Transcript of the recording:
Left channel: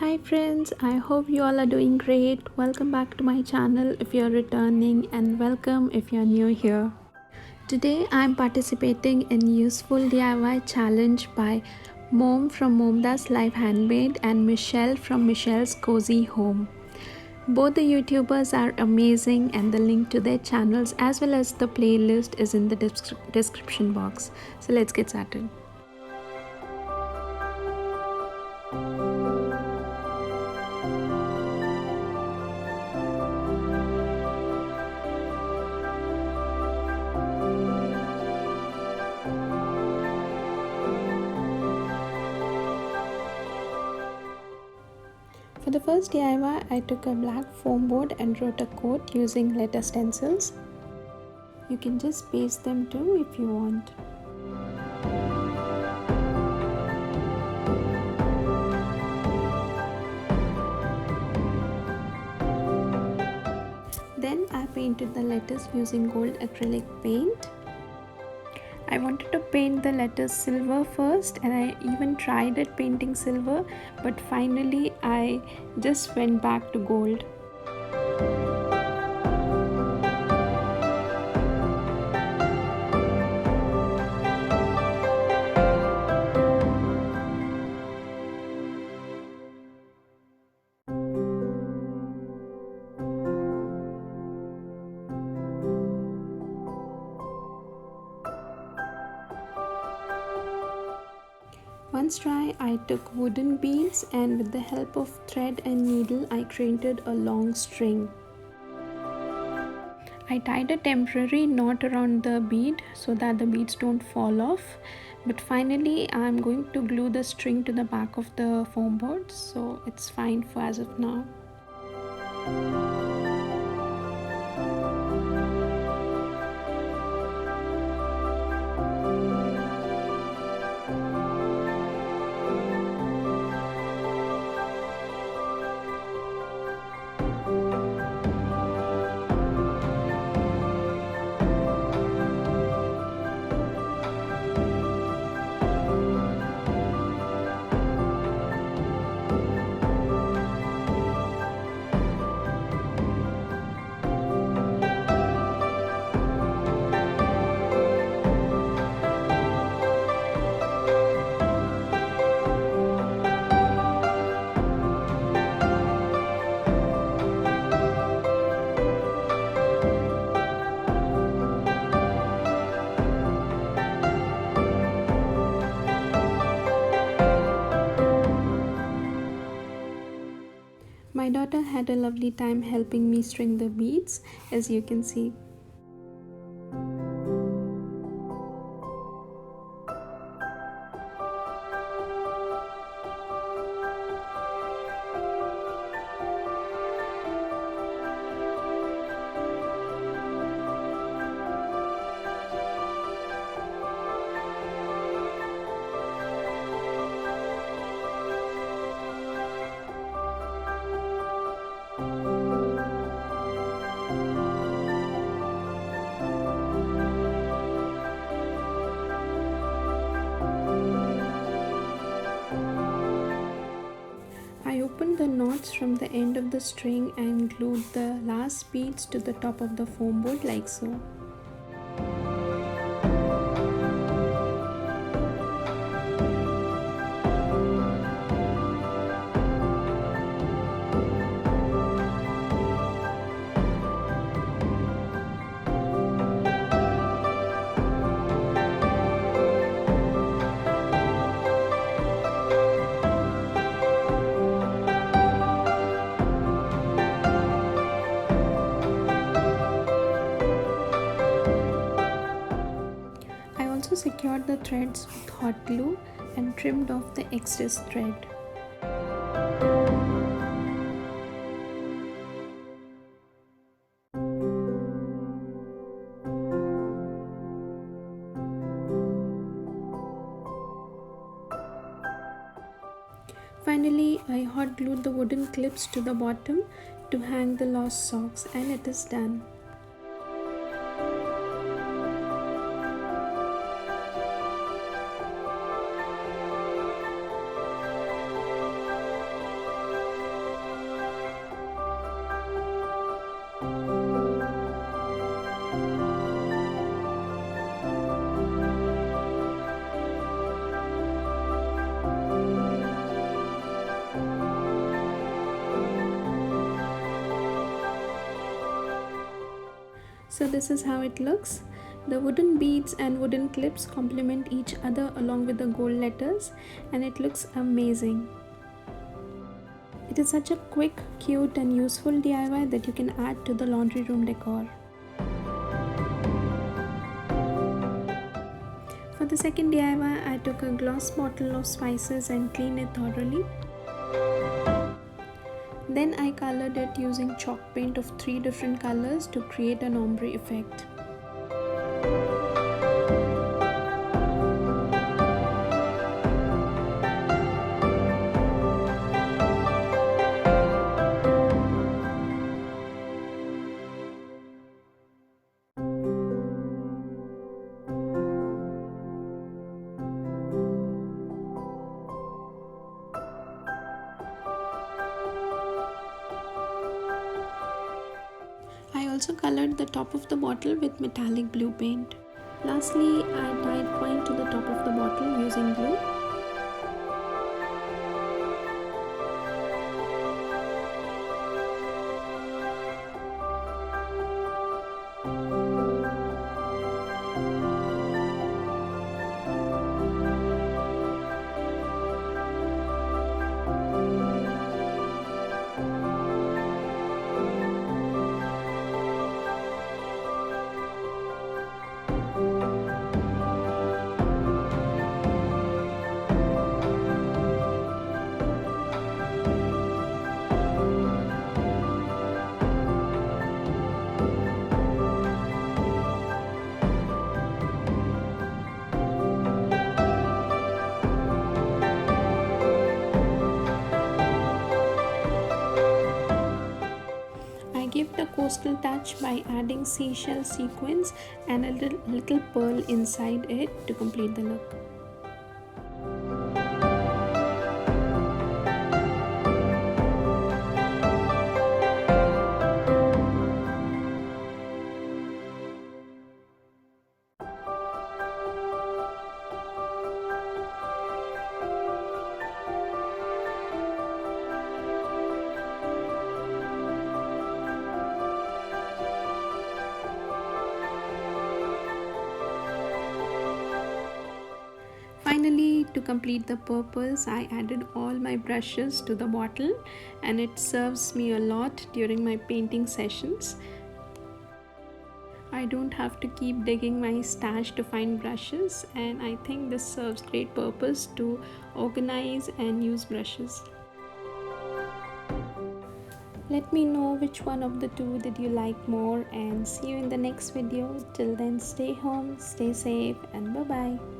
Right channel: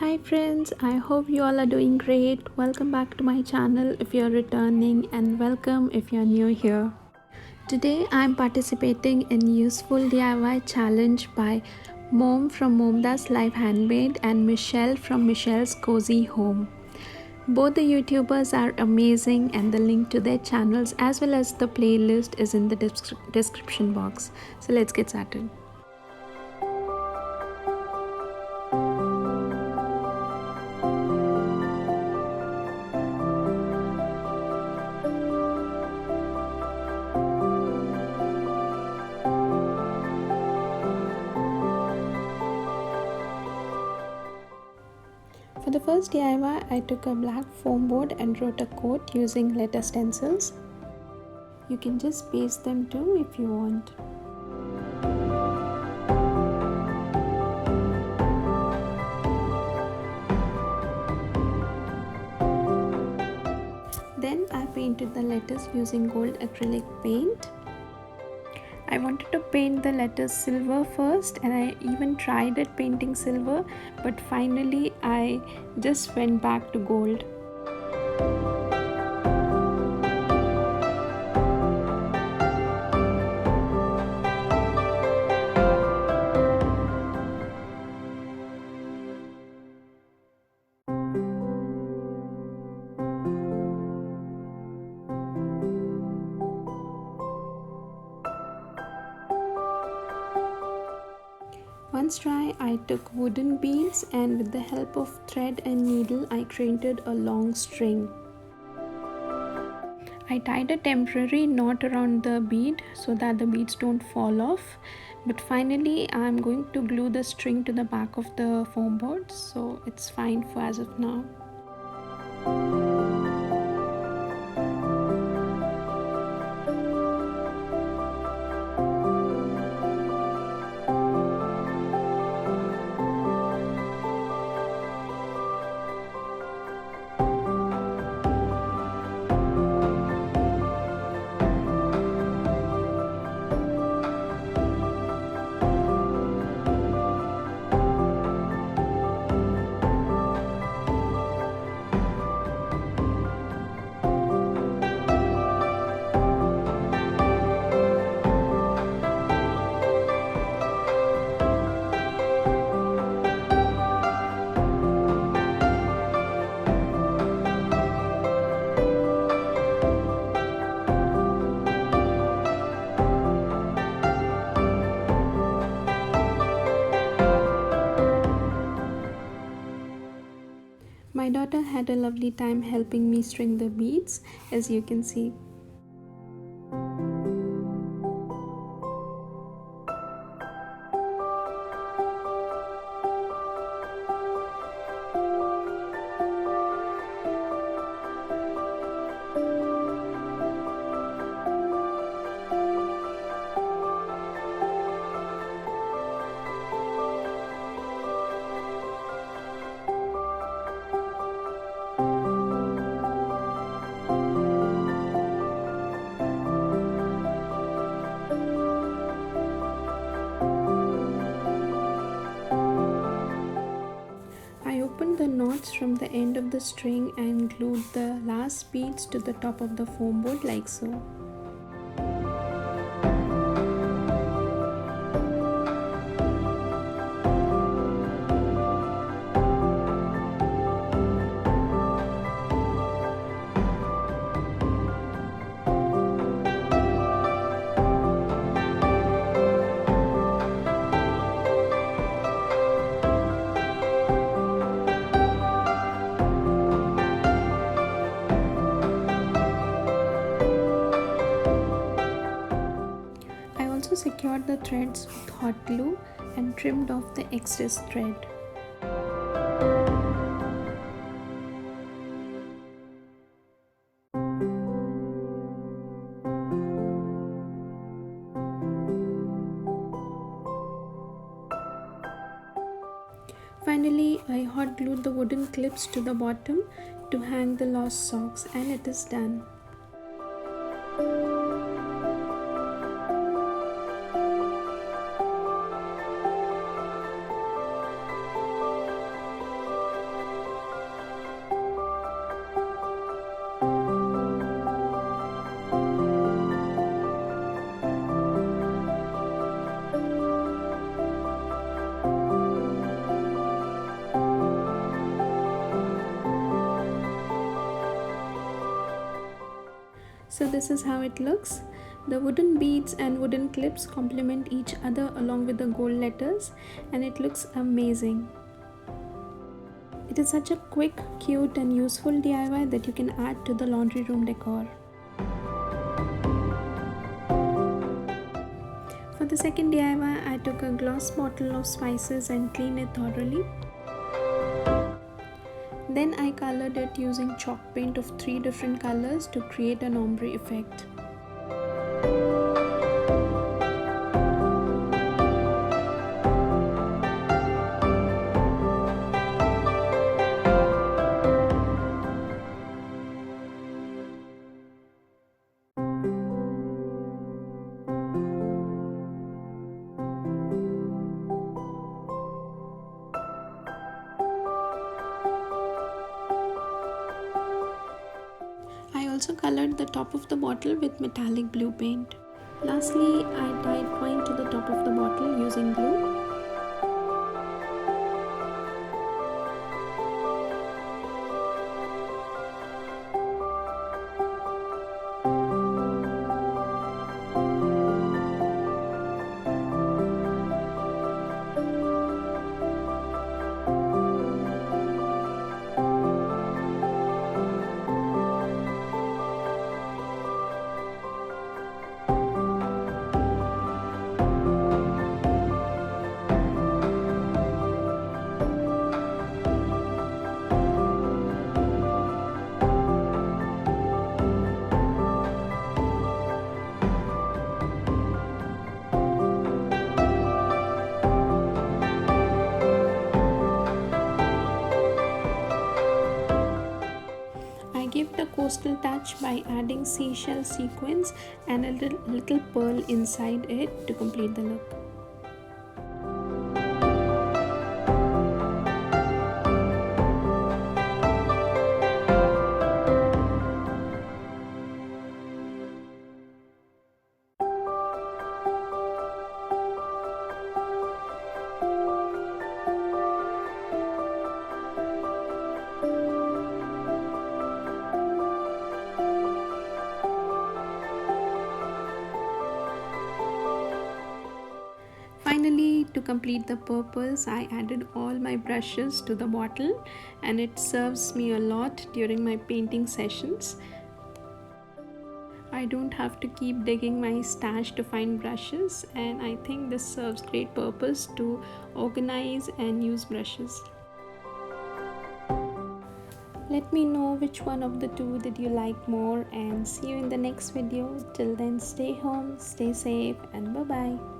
Hi friends, I hope you all are doing great. Welcome back to my channel if you're returning, and welcome if you're new here. Today I'm participating in useful DIY challenge by Mom from MomDas Life Handmade and Michelle from Michelle's Cozy Home. Both the YouTubers are amazing, and the link to their channels as well as the playlist is in the description box. So let's get started. For the first DIY, I took a black foam board and wrote a quote using letter stencils. You can just paste them too if you want. Then I painted the letters using gold acrylic paint. I wanted to paint the letters silver first, and I even tried at painting silver, but finally I just went back to gold. Once dry, I took wooden beads, and with the help of thread and needle I created a long string. I tied a temporary knot around the bead so that the beads don't fall off, but finally I'm going to glue the string to the back of the foam board, so it's fine for as of now. My daughter had a lovely time helping me string the beads, as you can see. I opened the knots from the end of the string and glued the last beads to the top of the foam board like so. I also secured the threads with hot glue and trimmed off the excess thread. Finally, I hot glued the wooden clips to the bottom to hang the lost socks, and it is done. So this is how it looks. The wooden beads and wooden clips complement each other along with the gold letters, and it looks amazing. It is such a quick, cute and useful DIY that you can add to the laundry room decor. For the second DIY, I took a glass bottle of spices and cleaned it thoroughly. Then I colored it using chalk paint of 3 different colors to create an ombre effect. I also colored the top of the bottle with metallic blue paint. Lastly, I tied twine to the top of the bottle using glue. I give the coastal touch by adding seashell sequins and a little pearl inside it to complete the look. Finally, to complete the purpose, I added all my brushes to the bottle, and it serves me a lot during my painting sessions. I don't have to keep digging my stash to find brushes, and I think this serves great purpose to organize and use brushes. Let me know which one of the two did you like more, and see you in the next video. Till then, stay home, stay safe, and bye bye.